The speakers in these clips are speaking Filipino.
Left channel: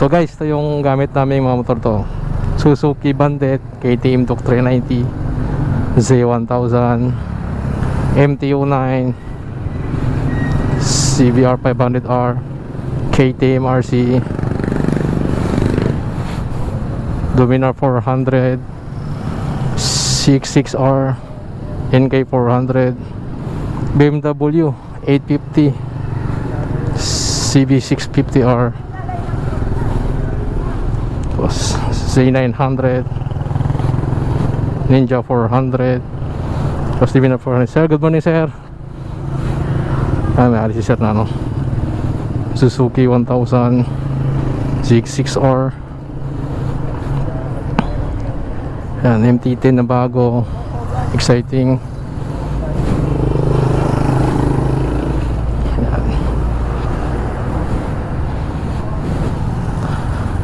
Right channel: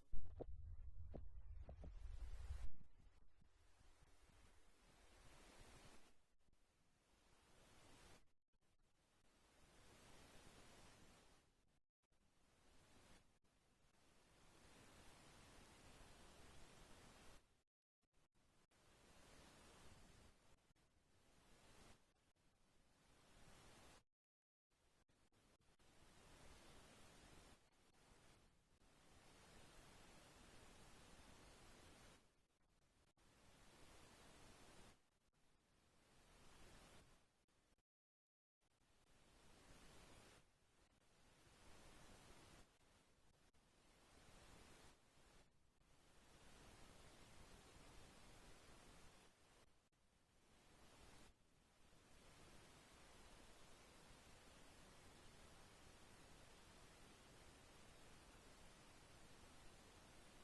So guys, ito yung gamit namin mga motor to. Suzuki Bandit, KTM Tok 390, Z1000, MT-09, CBR 500R, KTM RC, Dominar 400, CX-6R, NK 400, BMW 850, CB650R, Z900, Ninja 400, tapos Divina 400. Sir, good morning sir. May alis si sir na ano, Suzuki 1000, ZX6R, yan, MT-10 na bago, exciting. Yan.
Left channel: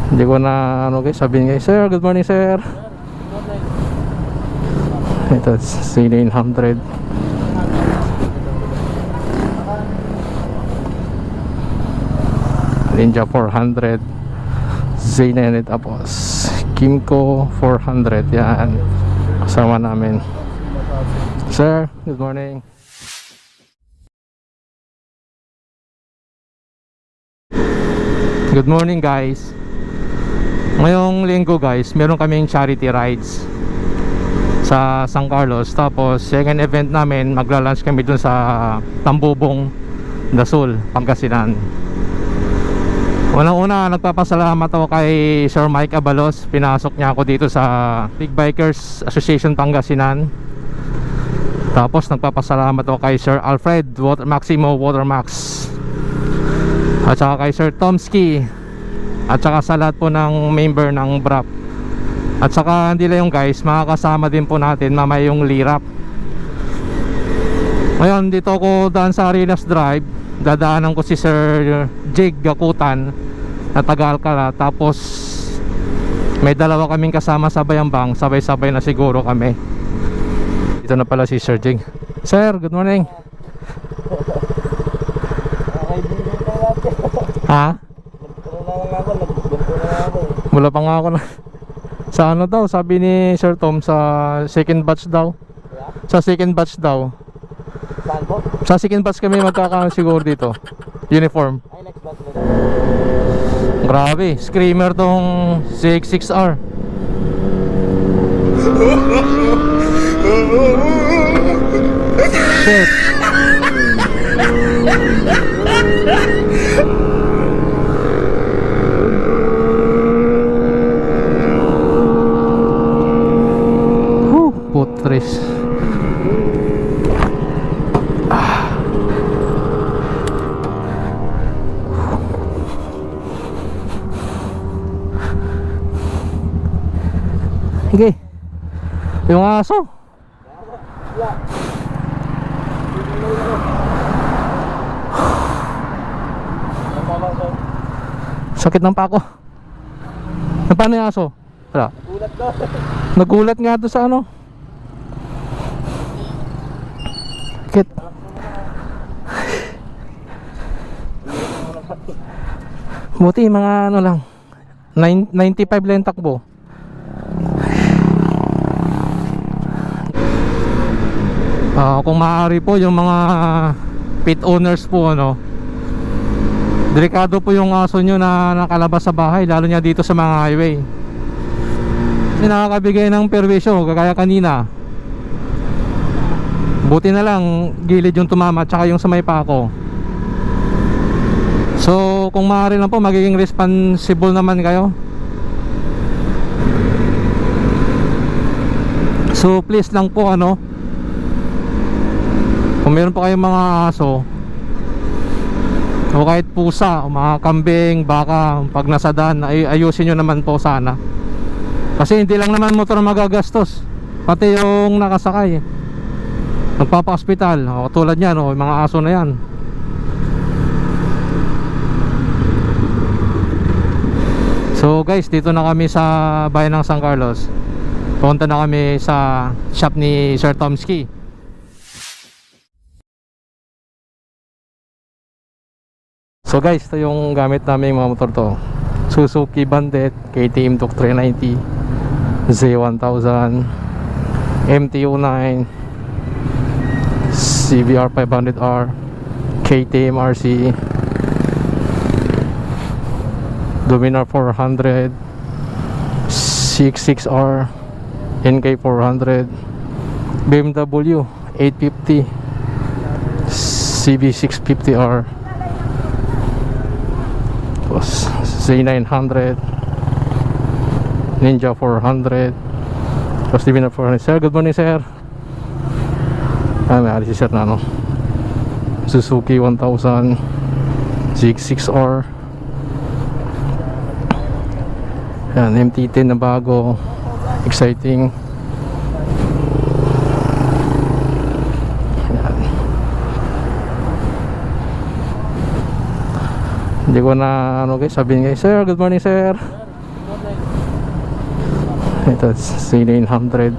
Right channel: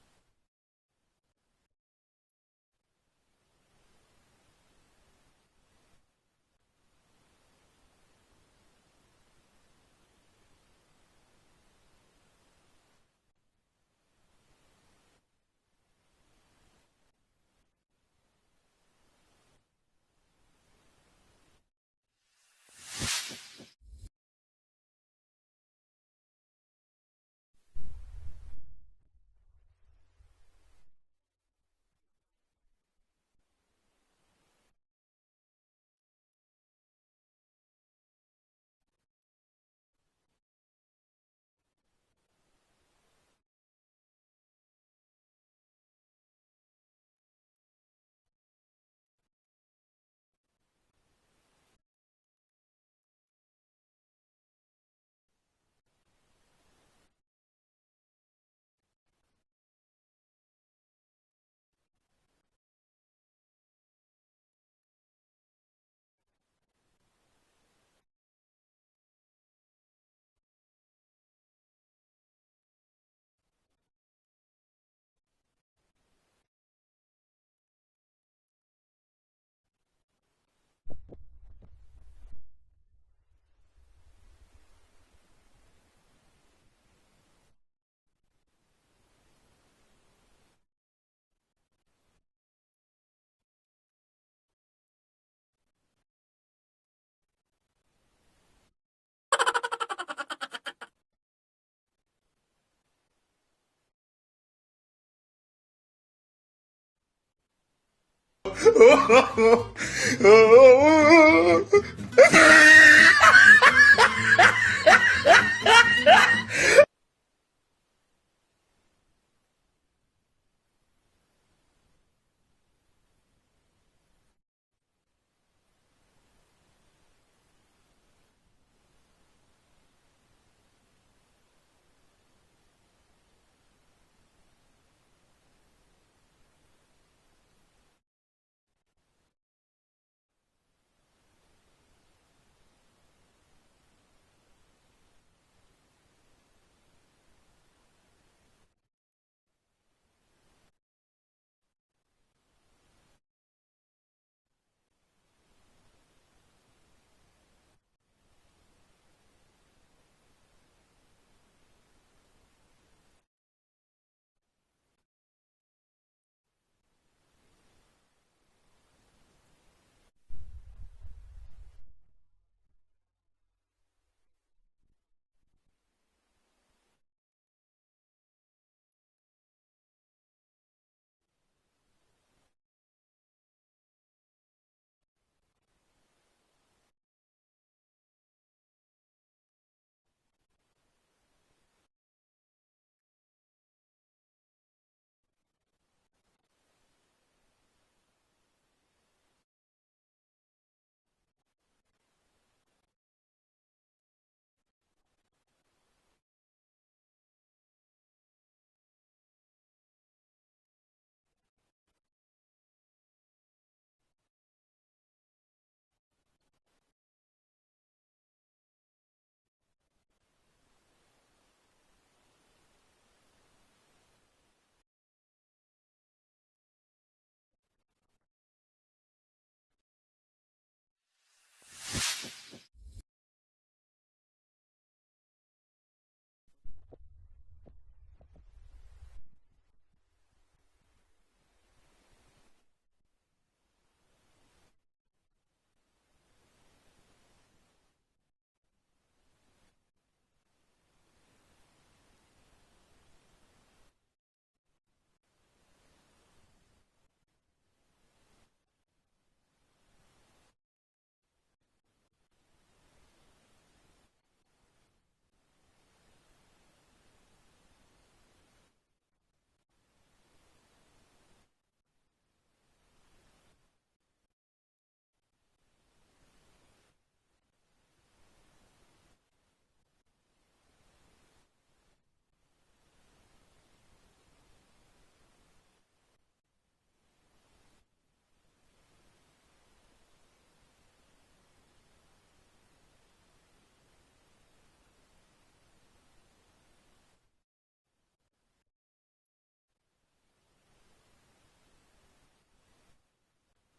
Hindi ko na ano guys, sabihin guys, sir, good morning sir. Ito, Z900, Ninja 400, Z900, tapos Kimco 400. Yan, kasama namin. Sir, good morning. Good morning guys. Ngayong linggo guys, meron kaming charity rides sa San Carlos. Tapos second event namin, magla-lunch kami dun sa Tambubong, Dasul, Pangasinan. Unang-una, nagpapasalamat ako kay Sir Mike Abalos. Pinasok niya ako dito sa Big Bikers Association Pangasinan. Tapos nagpapasalamat ako kay Sir Alfred Maximo Watermax, at saka kay Sir Tomski, at saka sa lahat po ng member ng BRAP. At saka hindi lang yung guys, makakasama din po natin mamaya yung Lirap. Ngayon dito ako daan sa Arenas Drive, dadaanan ko si Sir Jig Gakutan na taga Alcala. Tapos may dalawa kaming kasama sa Bayambang, sabay-sabay na siguro kami. Dito na pala si Sir Jig. Sir, good morning. Ha? Wala pa nga ako na. Sa ano daw, sabi ni Sir Tom, sa second batch daw. Sa second batch daw. Saan po? Sa second batch kami magkakaroon siguro dito. Uniform. Ay, next batch na. Grabe, screamer tong CX-6R. Shit. Putres. Sige. Yung aso. Sakit ng pako. Paano yung aso? Wala. Gulat ko. Nagulat nga doon sa ano. Sakit. Buti mga ano lang, 95 lang takbo. Kung maaari po yung mga pet owners po, ano, delikado po yung aso nyo na nakalabas sa bahay, lalo nya dito sa mga highway. Kasi nakakabigay ng perwisyo, kagaya kanina. Buti na lang gilid yung tumama, tsaka yung sa may pako. So kung maaari lang po, magiging responsible naman kayo. So please lang po, ano, kung meron pa kayong mga aso o kahit pusa o mga kambing, baka, pag nasa daan, ayusin nyo naman po sana. Kasi hindi lang naman motor magagastos, pati yung nakasakay, magpapa-hospital, o tulad yan, o mga aso na yan. So guys, dito na kami sa bayan ng San Carlos. Punta na kami sa shop ni Sir Tomski. So guys, ito yung gamit namin mga motor to. Suzuki Bandit, KTM Duke 390, Z1000, MT-09, CBR 500R, KTM RC, Dominar 400, 66R, NK 400, BMW 850, CB650R, tapos Z900, Ninja 400, tapos Dominar 400. Sir, good morning sir. May alis si sir na ano, Suzuki 1000, ZX6R, yan, MT-10 na bago, exciting. Yan. Hindi ko na ano guys, sabihin guys, sir, good morning sir. Ito, C900,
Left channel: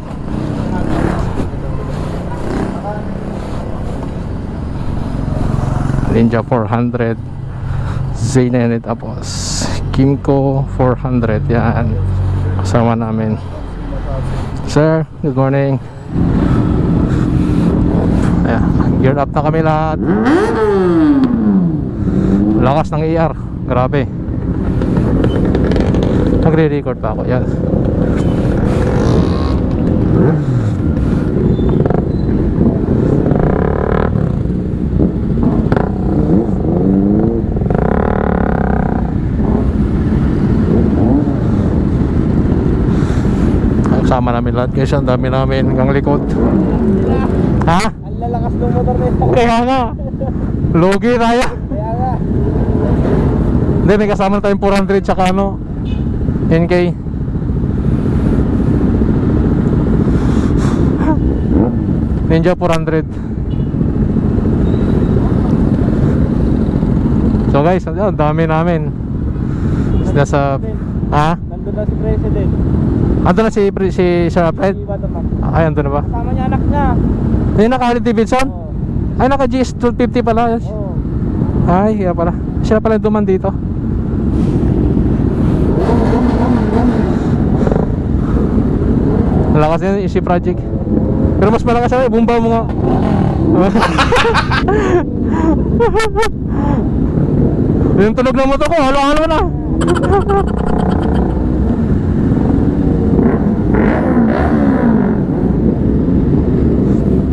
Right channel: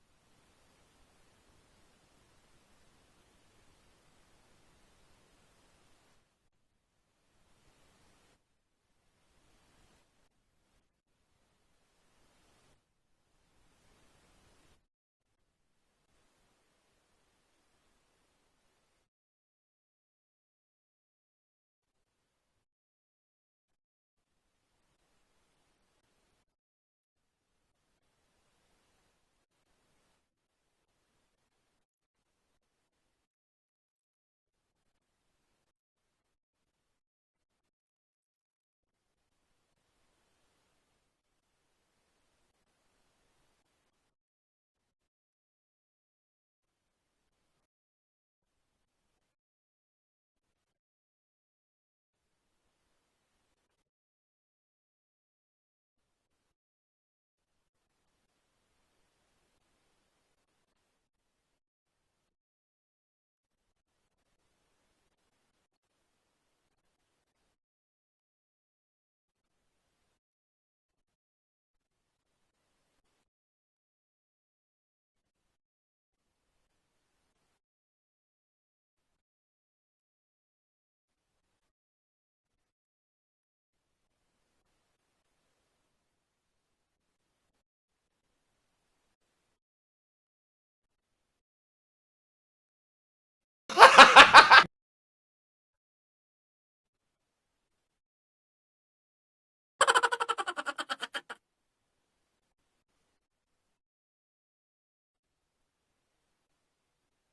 Ninja 400, Z900, tapos Kimco 400. Yan, kasama namin. Sir, good morning. Ayan, geared up na kami lahat. Lakas ng ER, grabe. Nagre-record pa ako. Yan. Sama namin lahat guys, ang dami namin hanggang likod. Ha? Ang lalakas ng motor nito. Kaya nga, logi tayo. Kaya nga. Hindi, may kasama na tayong 400 tsaka ano, NK. Ninja 400. So guys, ang dami namin. Nasa, ha? Nandun na si President. Ando na si Sir Alfred? Ay, ando na ba? Kasama niya anak niya. Ay, naka Harley Davidson? Oo. Ay, naka GS 250 pala. Oo. Ay, kaya pala. Siya pala duman dito. Malakas yan, Easy Project. Pero mas malakas yan, bumba mo nga. Yung tunog ng motor ko, halo-halo na.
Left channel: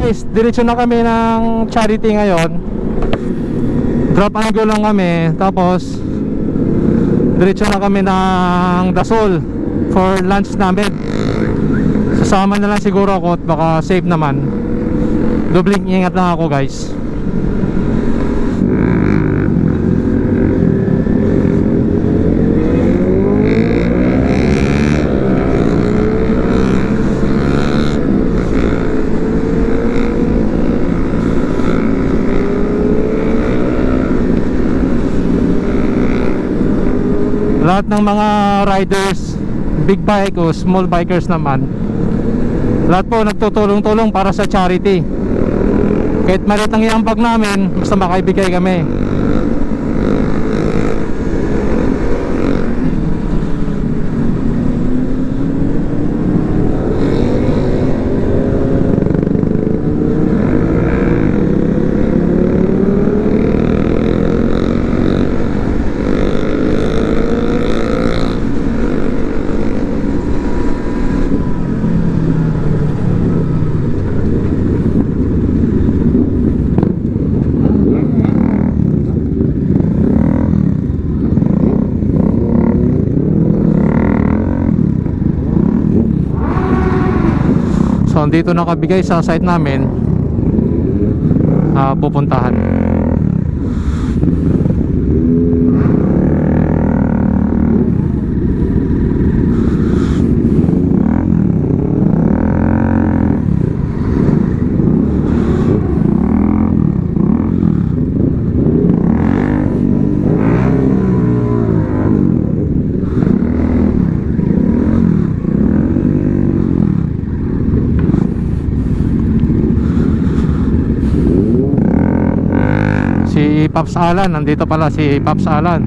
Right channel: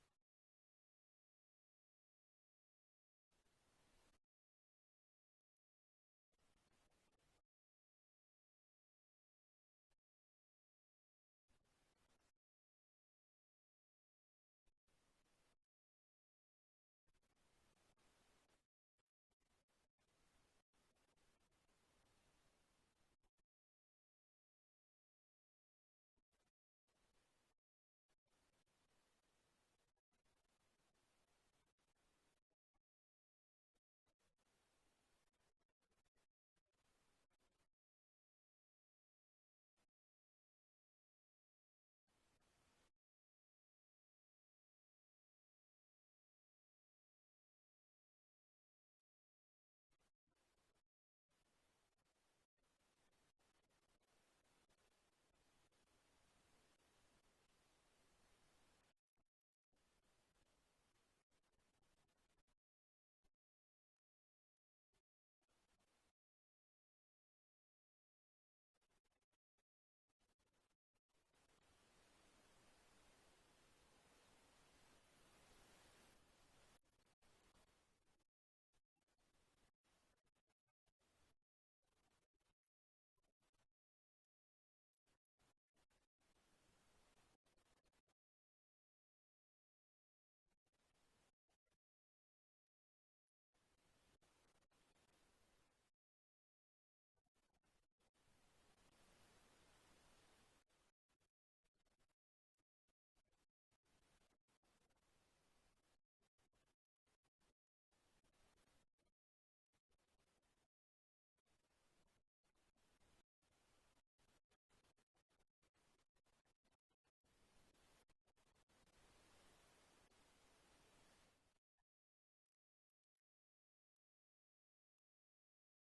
Guys, diretso na kami ng charity ngayon. Drop and go lang kami. Tapos diretso na kami ng Dasol for lunch namin. Sasama na lang siguro ako at baka safe naman. Dobling ingat lang ako guys. Lahat ng mga riders, big bike o small bikers naman, lahat po nagtutulong-tulong para sa charity. Kahit maliit lang yung ambag namin, basta makaibigay kami. So andito nakabigay sa site namin, pupuntahan. Si Pops Alan, nandito pala si Pops Alan.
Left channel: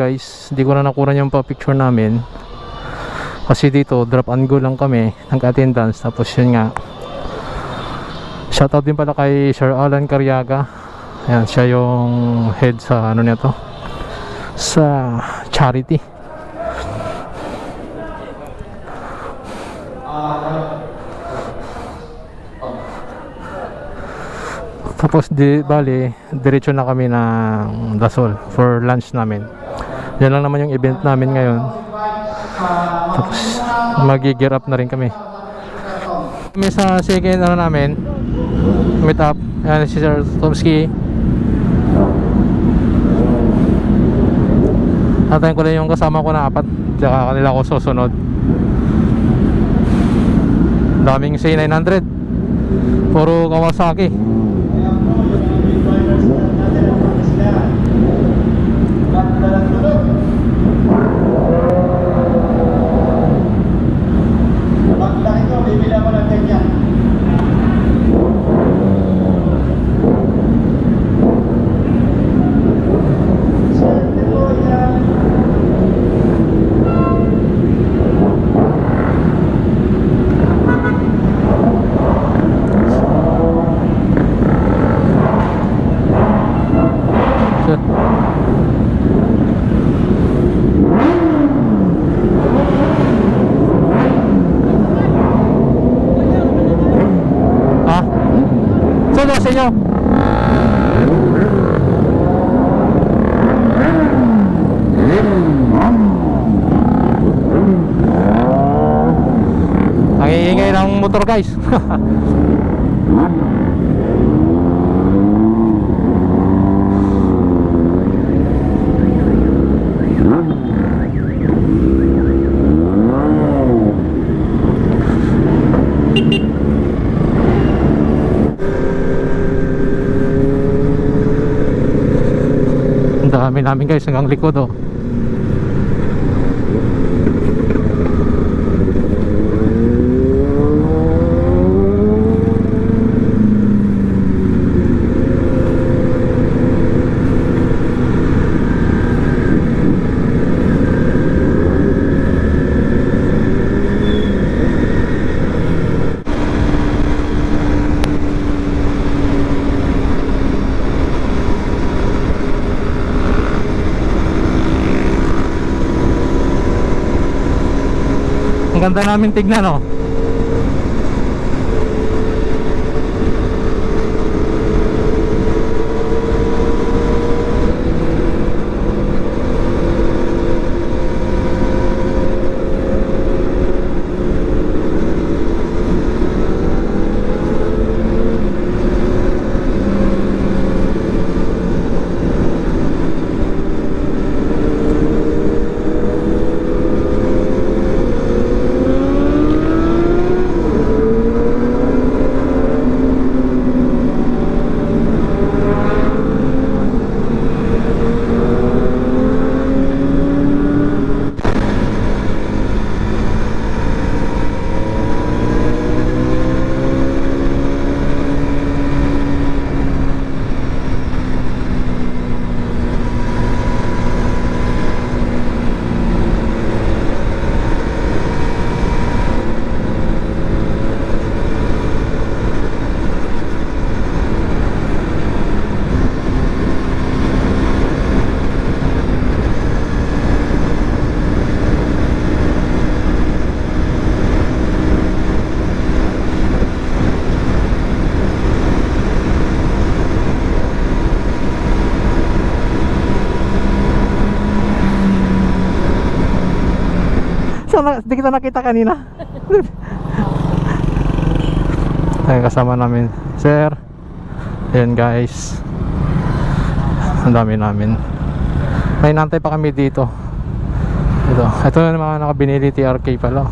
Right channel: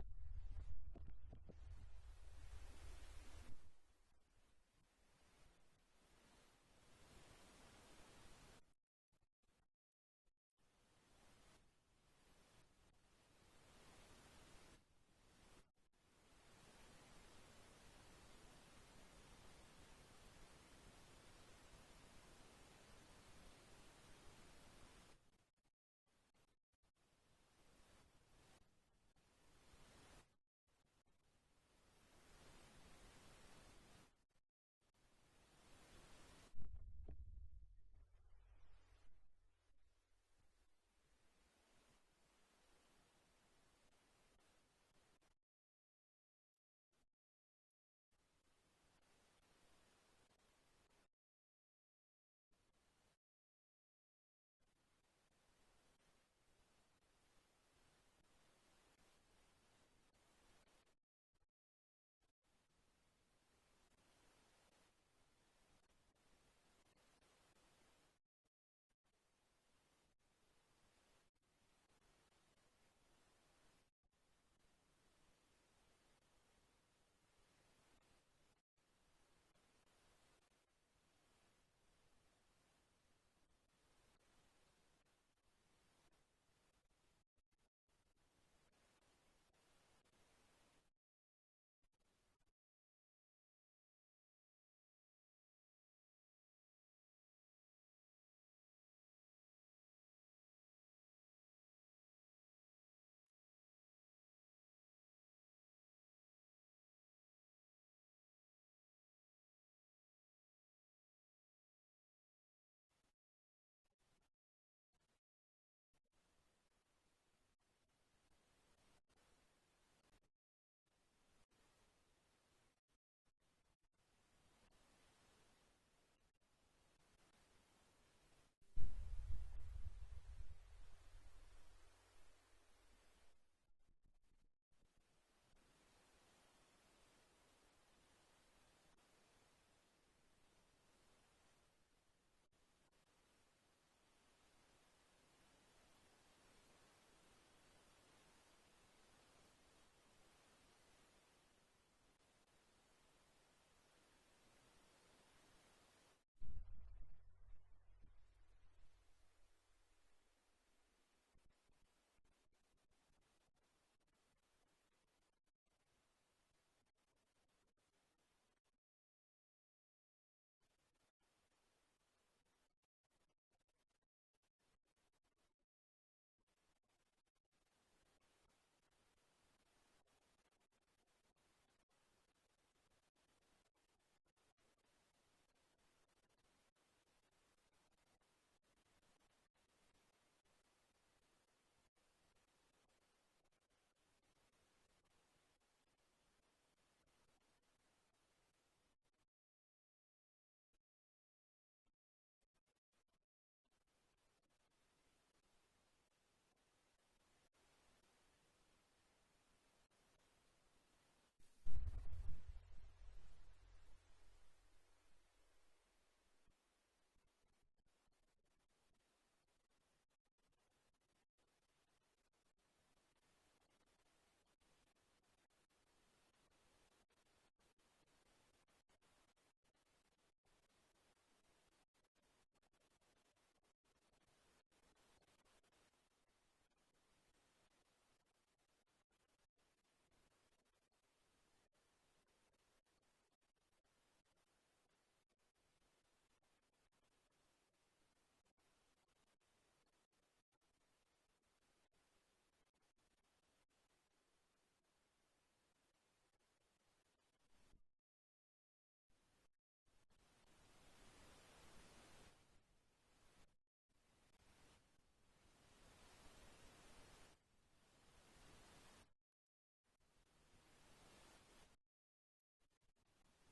guys. Hindi ko na nakuha yung pa-picture namin. Kasi dito, drop and go lang kami. Nag-attendance. Tapos yun nga. Shoutout din pala kay Sir Alan Cariaga. Ayan, siya yung head sa ano nito. Sa charity. Tapos bali, diretso na kami ng Dasol for lunch namin. Yan lang naman yung event namin ngayon. Tapos mag-gear up na rin kami. Kami sa second ano namin, meet up. Yan si Sir Tomski. Atayin ko lang yung kasama ko na 4. Tsaka kanila ko susunod. Daming C900. Puro Kawasaki. Solo sa inyo. Ang iingay ng motor guys. Dami namin guys hanggang likod oh. Ang ganda namin tignan oh. Hindi kita nakita kanina. Ay, kasama namin sir. Ayan guys, ang dami namin. May nantay pa kami dito. Ito na mga nakabinili TRK pala.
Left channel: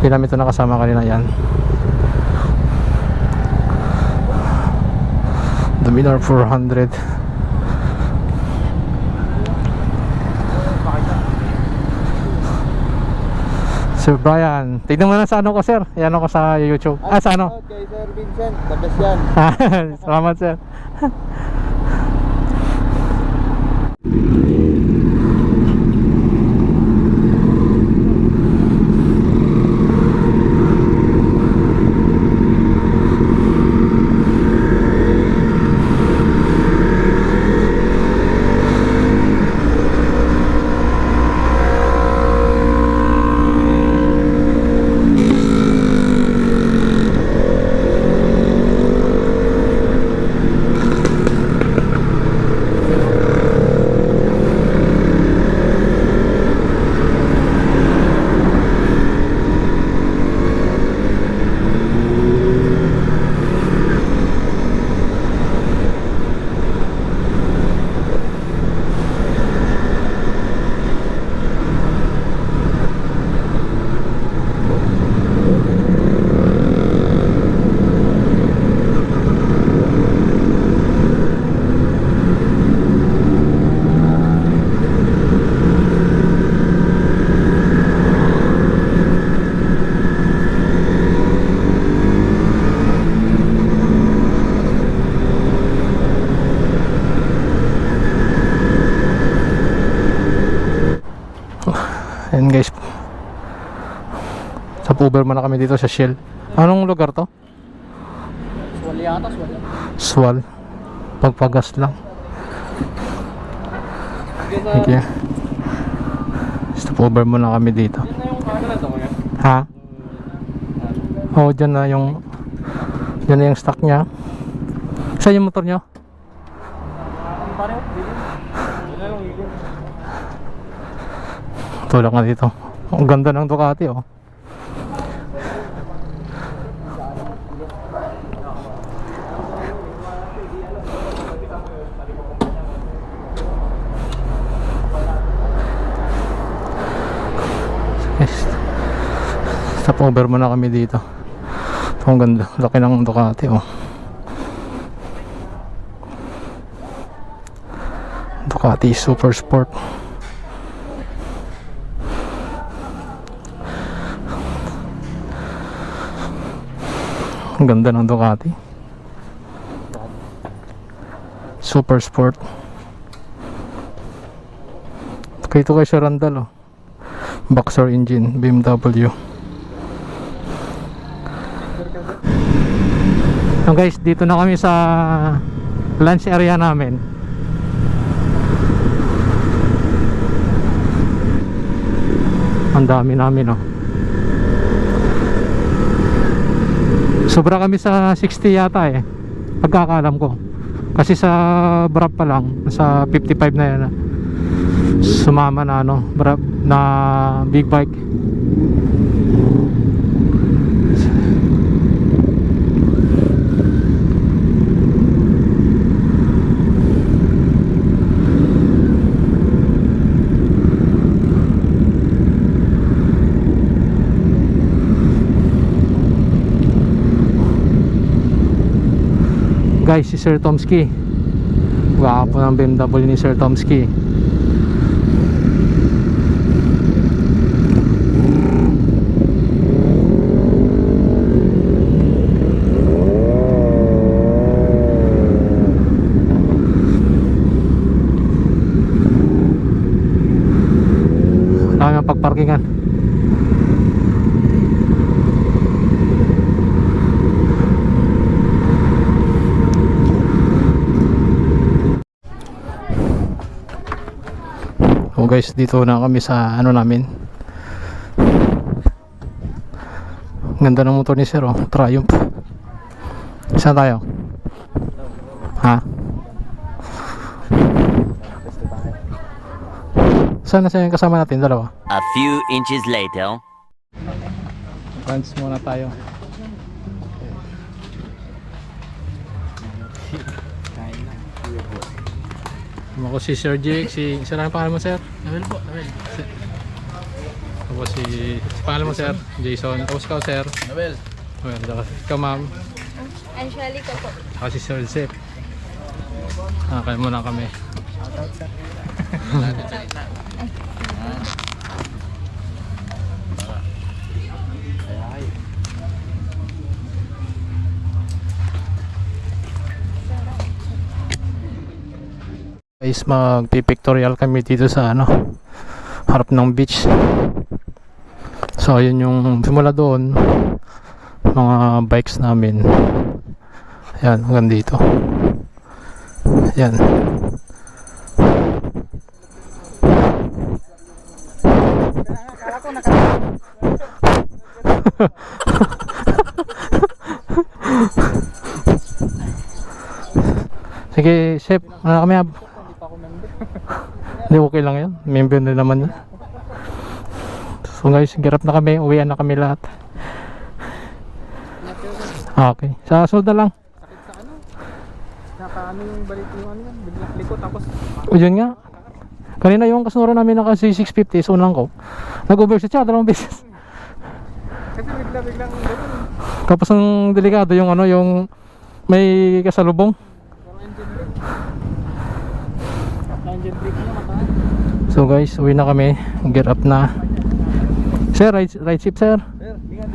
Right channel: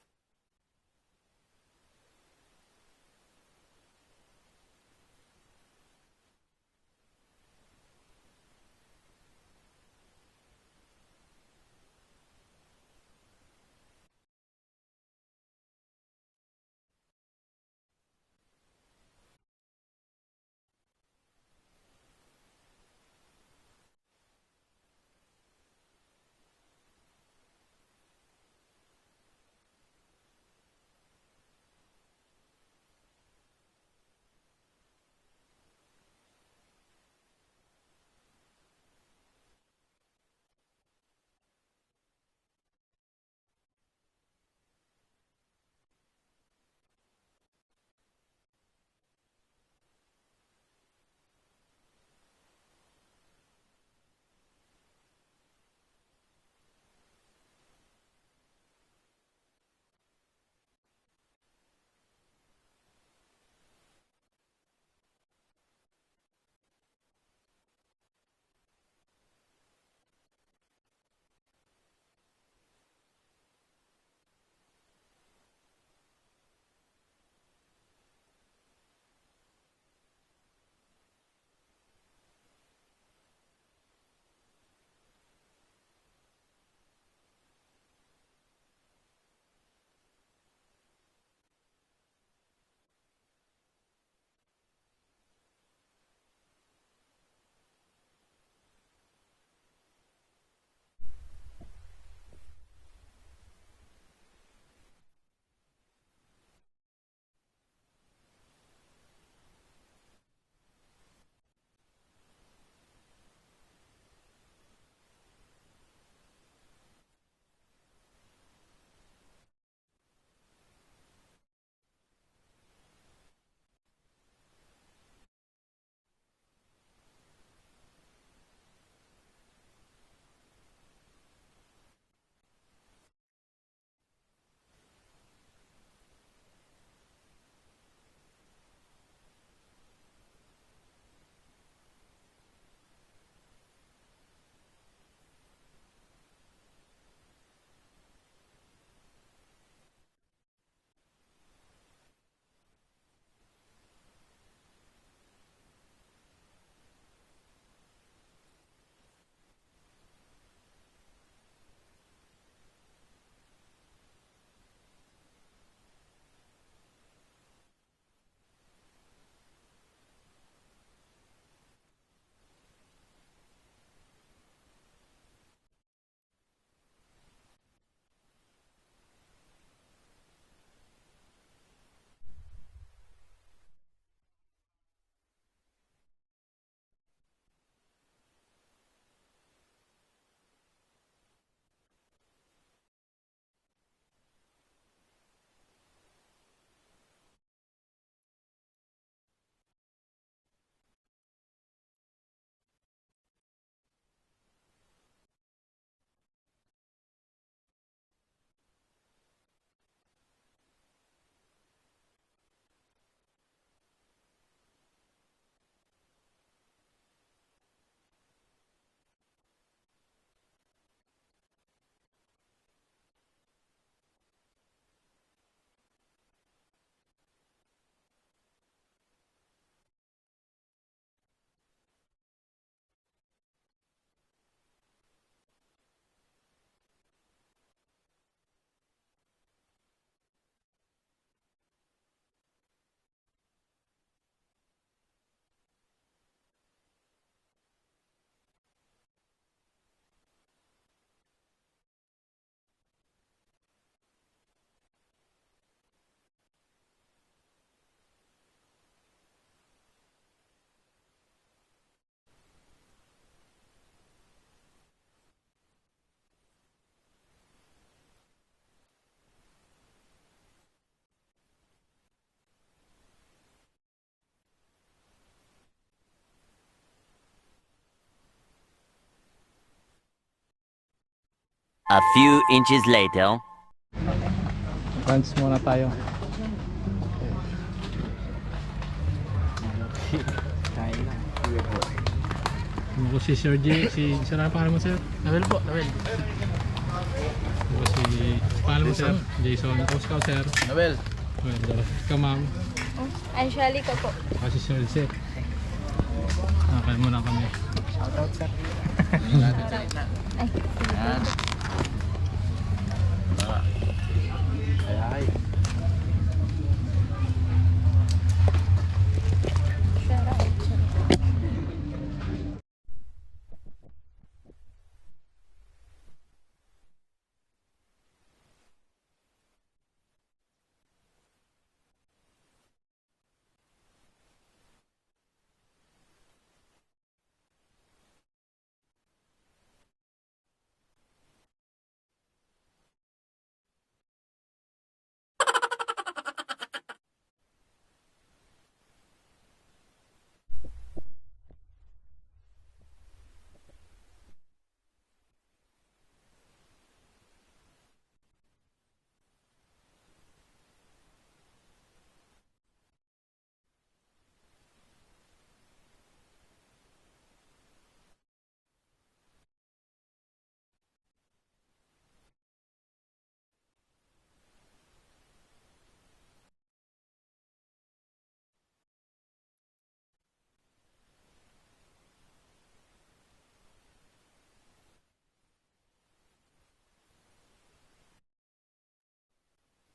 Hindi namin ito nakasama kanina. Yan Dominar 400. Sir Brian, tignan mo na sa ano ko sir. Yan ako sa YouTube. Sa ano? Kay Sir Vincent, the best yan. Salamat sir. Ayan guys. Sa Uber muna kami dito sa Shell. Anong lugar to? Swal yata, swal. Swal. Pagpagas lang. Okay. Sa Uber muna kami dito. Yun na yung camera to, kaya. Ha? Oo, dyan na yung stock niya. Saan yung motor nyo? Ang pareho, bilin. Yun na lang, bilin. Tulak nga dito. Ang ganda ng Ducati oh. Stop over muna kami dito. Ang ganda, laki ng Ducati oh. Ducati Super Sport. Ang ganda ng Ducati Super Sport. Ito kay Sir Randall oh. Boxer engine BMW. So guys, dito na kami sa lunch area namin. Ang dami namin oh. Sobra kami sa 60 yata eh, pagkakaalam ko. Kasi sa Brab pa lang, sa 55 na yan. Sumama na ano, Brab na big bike. Guys, si Sir Tomsky. Gwapo ng BMW ni Sir Tomsky. Dami ang pagparkingan. So guys, dito na kami sa ano namin. Ganda ng motor ni Sir oh, Triumph. Saan tayo? Ha? Saan na siya yung kasama natin? Dalawa? A few inches later. Lunch muna tayo. Kain na. Ako si Sir J, si isa lang ang pangalan mo Sir? Nawel po, Nawel. Ako si pangalan mo Sir? Jason. Tapos ka Sir? Nawel. Well, ikaw ma'am. Anshali ko po. Ako si Sir Zek. Kaya muna kami. Shout out, sir. Yan. Ay. Guys, magpipictorial kami dito sa ano, harap ng beach. So ayun yung simula doon, mga bikes namin. Ayan, hanggang dito. Ayan. Sige, chef, ano kami ab? Hindi, okay lang yan. Member na naman yan. So guys, girap na kami. Uwian na kami lahat. Okay. Sa sunod na lang. Sakit sa ano? Nakaano yung balik yung ano yan? Biglang likot tapos. O yun nga. Kanina yung kasunura namin naka 650. So unang ko. Nag-overset siya 2 beses. Kasi biglang gano'n. Tapos ang delikado yung ano, yung may kasalubong. Parang engine brake. Engine brake niya mataas. So guys, uwi na kami. Get up na. Sir, right ship sir. Sir, tingnan.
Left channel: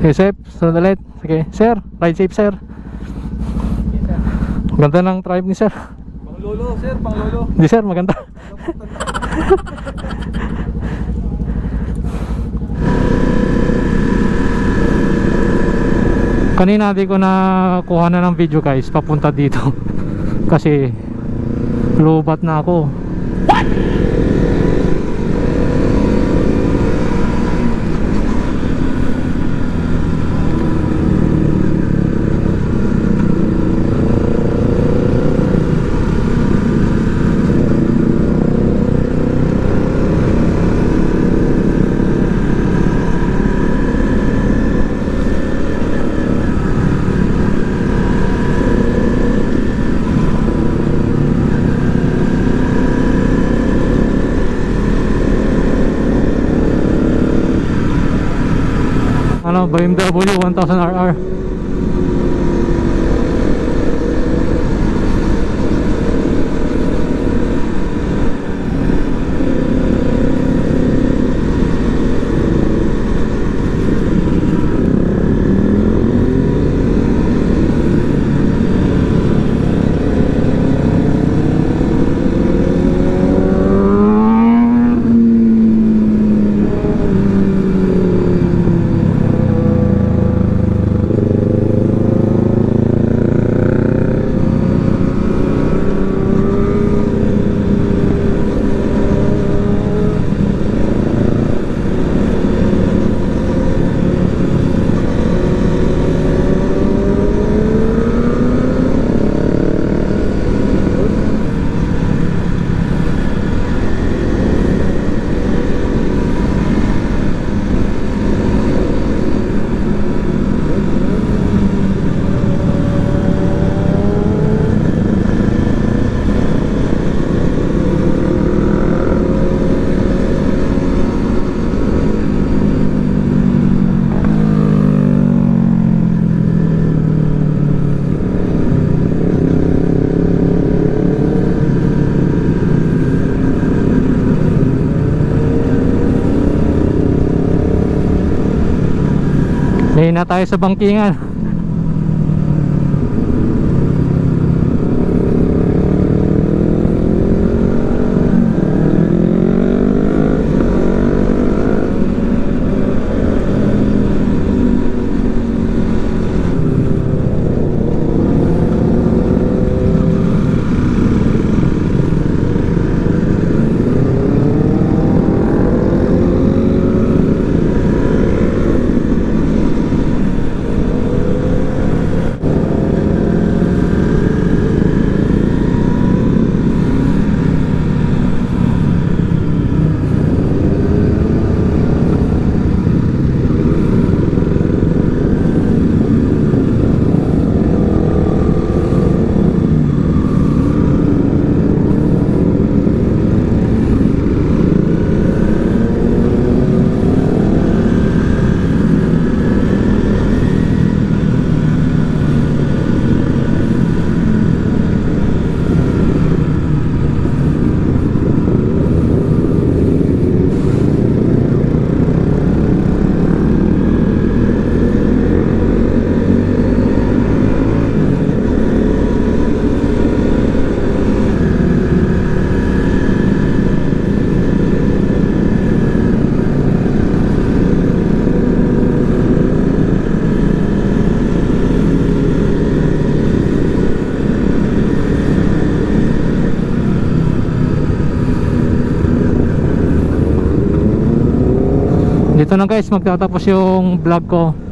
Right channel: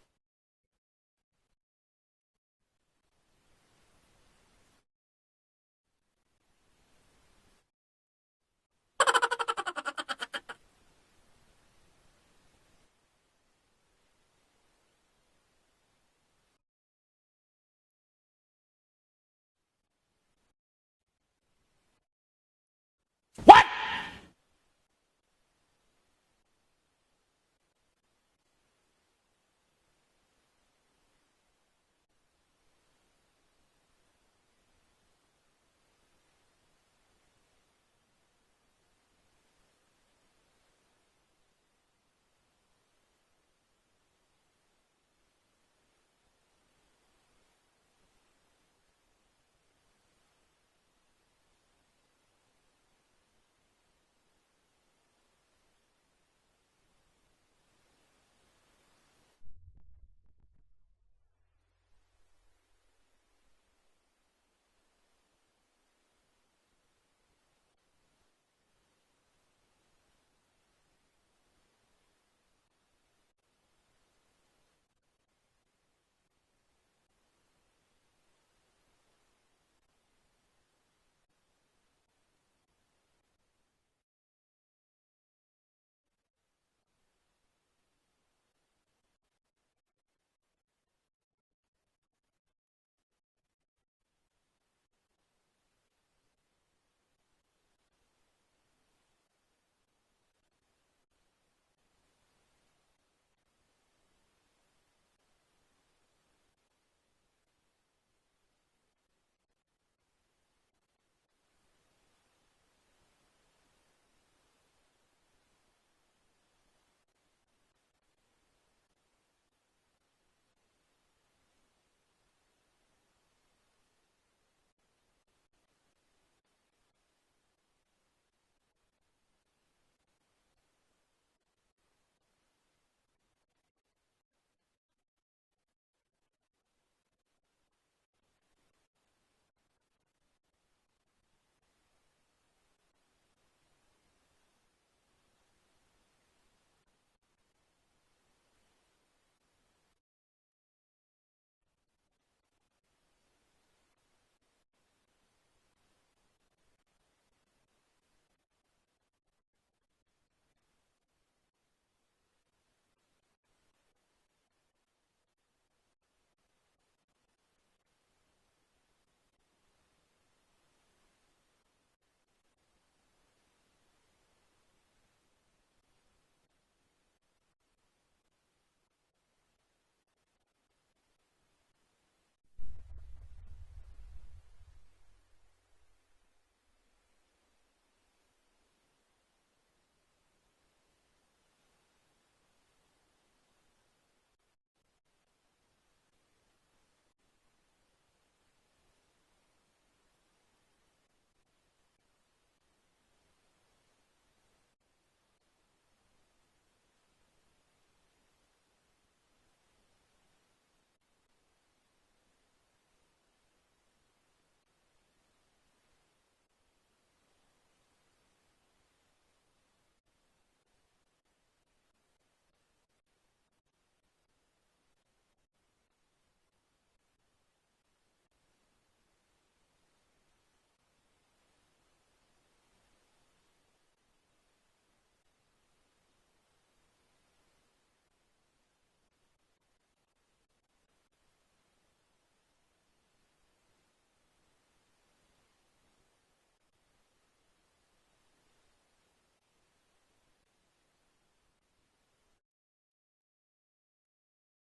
Okay, sir, sunod ulit. Sige, sir, right ship sir. Ganda ng tribe ni sir. Pang lolo, sir, pang lolo. Hindi sir, maganda. Kanina di ko na kuha na ng video guys papunta dito kasi lubat na ako. Ano, BMW 1000RR. May na tayo sa bangkingan. Dito na guys magtatapos yung vlog ko.